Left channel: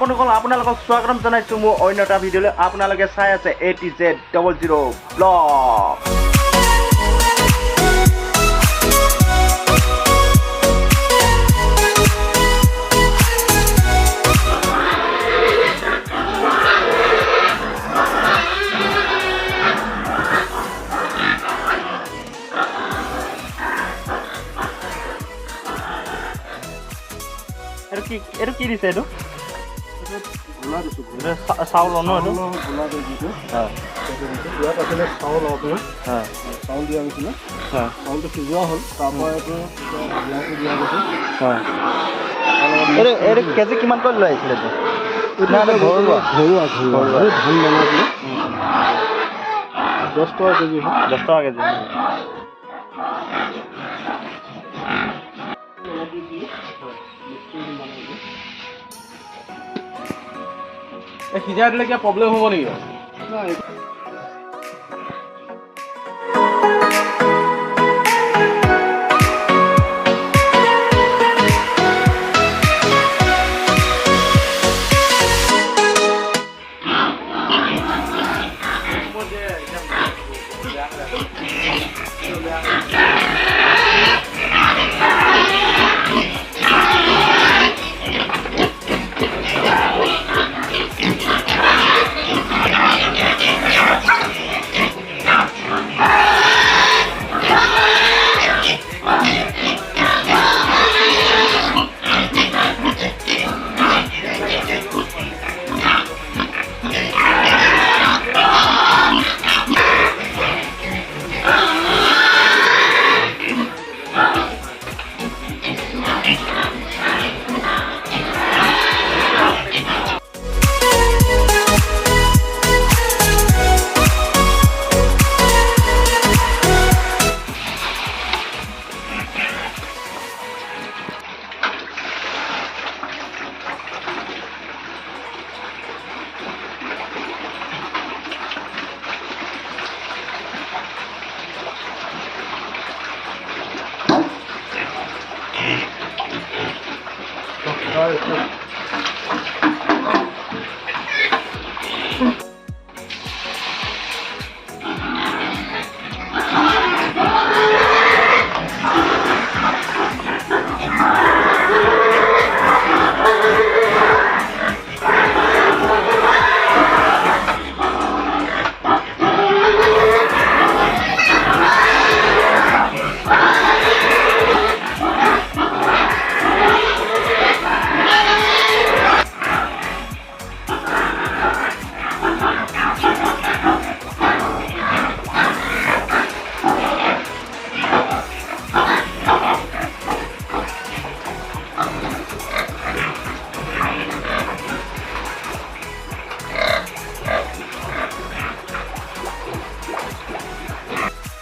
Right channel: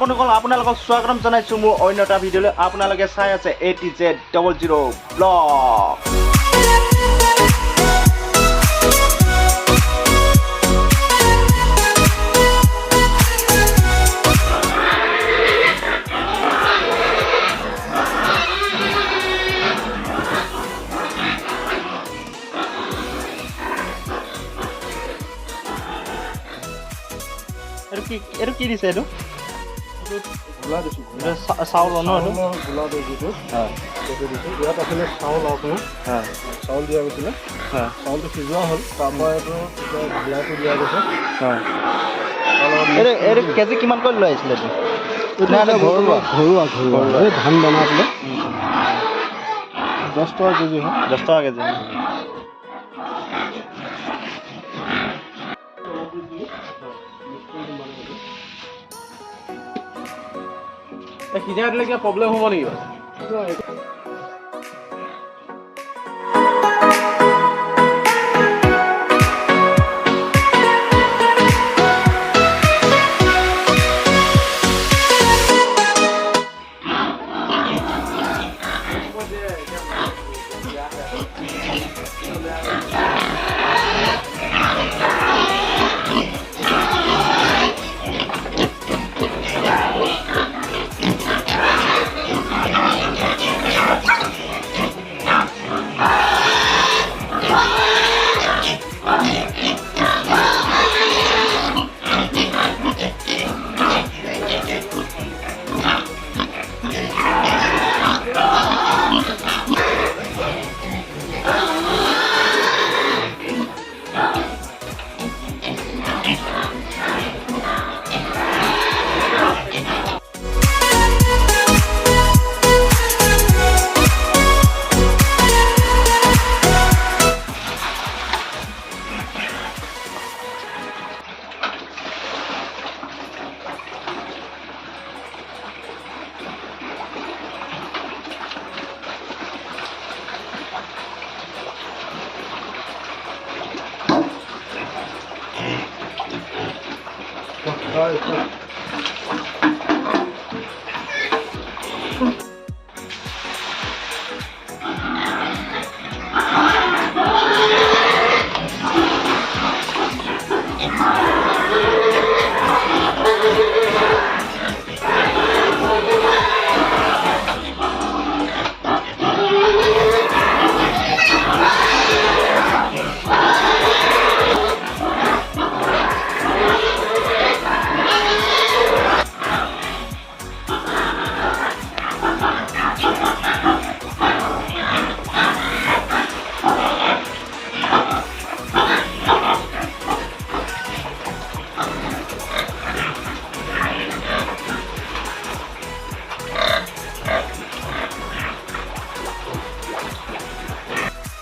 বন্ধুসকল আপোনালোকক স্বাগতম জনাইছো মোৰ অন্য এটা ভিডিঅ'লৈ আপোনালোকে চাই আছে ATZ00 ব্লগ Itu কি দিছে এটো গুলা দিছো চাউল ন এটো গুলা দে দিছে হ্যাঁ সেইটো দিছে ইয়াত আসলে চাউল আপোনাৰ হ্যাঁ চাউল দিয়া হৈছিল হ্যাঁ চাউলটো সিজোৱা হ'ল তাৰপৰা এইটো গুলাটো দিয়া গৈছে হ্যাঁ এটো কেজি কিমান কৰি লৈ আহিছিল এটো না ঘৰুৱা এই ধান বনাইছিলে 10 টকা কেজি 10 টকা কেজি সিজাই দিলে কিবা প্ৰব্লেম হ'ব নেকি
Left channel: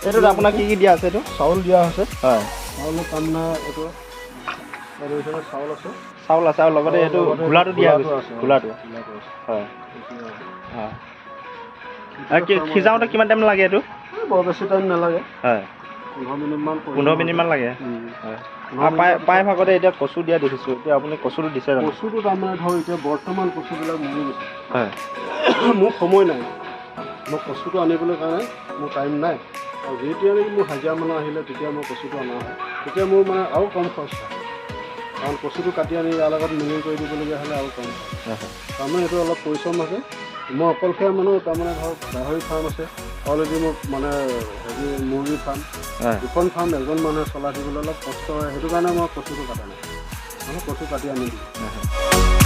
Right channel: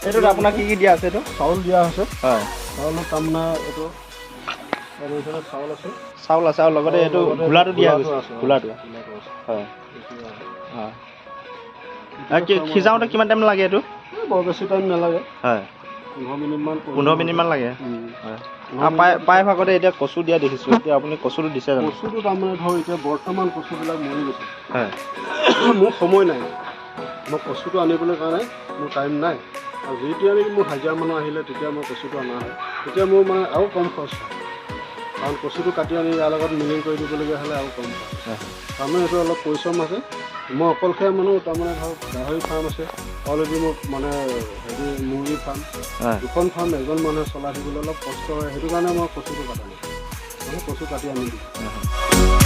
এটো আপোনাক কি দিয়া আছে এটো চাউল দিয়া আছে হয় চাউল কামনা এটো আৰু এখানে চাউল আছে চাউল লগতে এটো গুলাটো দিয়া আছে গুলাটো হয় হয় কি খিজাওতে কিমান টাইম লাগে এটো বৰ বেছি টাইম নালাগে হয় 15 মিনিট মান লাগে হয় পাই ভাগতে এতিয়া কচু দিয়া দেখিছো এতিয়া আপুনি কচুটো দিছে জানো কচুটো তাৰমানে ধৰ এতিয়া বৰ্তমান কচুবিলাক মৰি গৈছে হয় মোৰ সময় নাই মই কচুটো আনিবলৈ কাৰণে মোৰ টাইম নাই আৰু যেতিয়া নেকি মোৰ হাজিৰা মানুহ আহিলে তেতিয়া মই কচুটো অনা হয় তেতিয়া মোৰ মানে আৰু কম খৰচ হয় কাৰণ কচুটো কাটি আনি ইয়াৰ লগত মিলিং কৰি দিবলগীয়া হ'লে আৰু কম হয় তাৰমানে এইটো অলপ পৰিশ্ৰম আছে মই অকলশৰীয়া মানুহ তাৰমানে ধৰক গাহৰি ফাৰ্ম আছে অলৰেডি মোৰ মানে হেৰি মুৰ্গী ফাৰ্ম দুখন ফাৰ্ম এজন মানুহে চলাই দিবলৈ অলপ কষ্ট হয় সেইটো কাৰণে মই কচুটো কাটা নাই মানে কচু কাটি আনি দিওঁ